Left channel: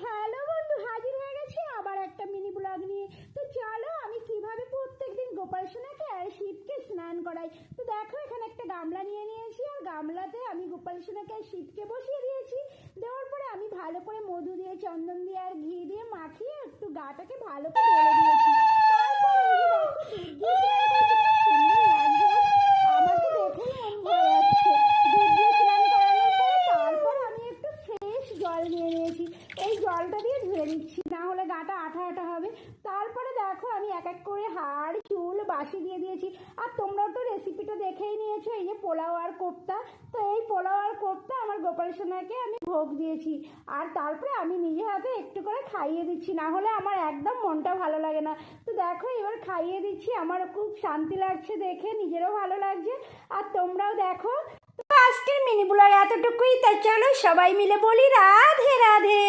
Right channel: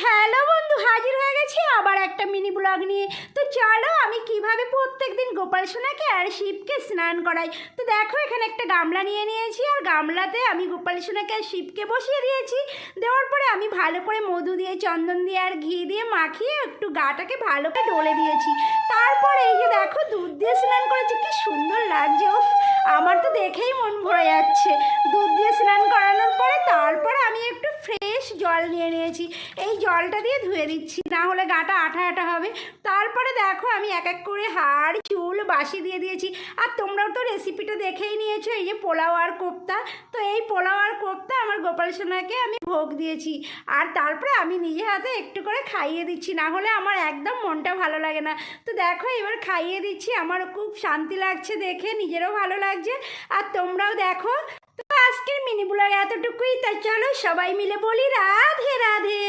Hello বন্ধু, হাজির হয়ে গেছি আবার একটা মিনি ব্লগ নিয়ে। তো চলো আমি কিভাবে প্রত্যেকদিন গোপাল সোনাকে আর শিবকে স্নান করাই। তো দেখো এখানে একটা গামলা নিয়ে নিয়েছি, আর গামলাতে আমি গোপাল সোনাকে আর শিবকে বসিয়ে দিয়েছি। দেওয়ার পরে আমি ভালো করে মধু দিয়ে, চন্দন দিয়ে আর ঘি দিয়ে মাখিয়ে একটু গাটাকে ভালো করে ডলে দিয়েছি। তারপরে এই যে দেখো দুধ দিয়ে স্নান করেছি, কি সুন্দর লাগছে। উফ, আমার তো দেখেই মন ভরে যাচ্ছে। দুধ দিয়ে স্নান করানোর পরে তারপরে আমি একটু ফ্রেশ জল নিয়ে নিয়েছি, এই জলটা দিয়ে ধুয়ে দিচ্ছি, না হলে গাটা আঠা আঠা হবে। তারপরে দেখো আমি এক এক করে হাড় চুল বাসি দিয়ে দিয়েছি। আর তোমরাও তো রেসিপিটা দেখেই নিয়েছো, এই যে পোলাও আর কোপ্তা। তো এই পোলাও আর কোপ্তা আমার গোপাল সোনাকে আমি ভোগ দিয়েছি। আর তারপরে আমি নিজে হাতে একটু করে খাইয়ে দিচ্ছি, না হলে আমার একদম মনটা ভালো লাগে না। তো দেখো এবার খাইয়ে দিচ্ছি, আমারও খুব শান্তি লাগছে দেখে, নিজেরও ভালো লাগছে। আর তোমরাও দেখো। তো আজকের মিনি ব্লগ এতটুকুই, তাই চলো সবাই মিলে বলি রাধে রাধে।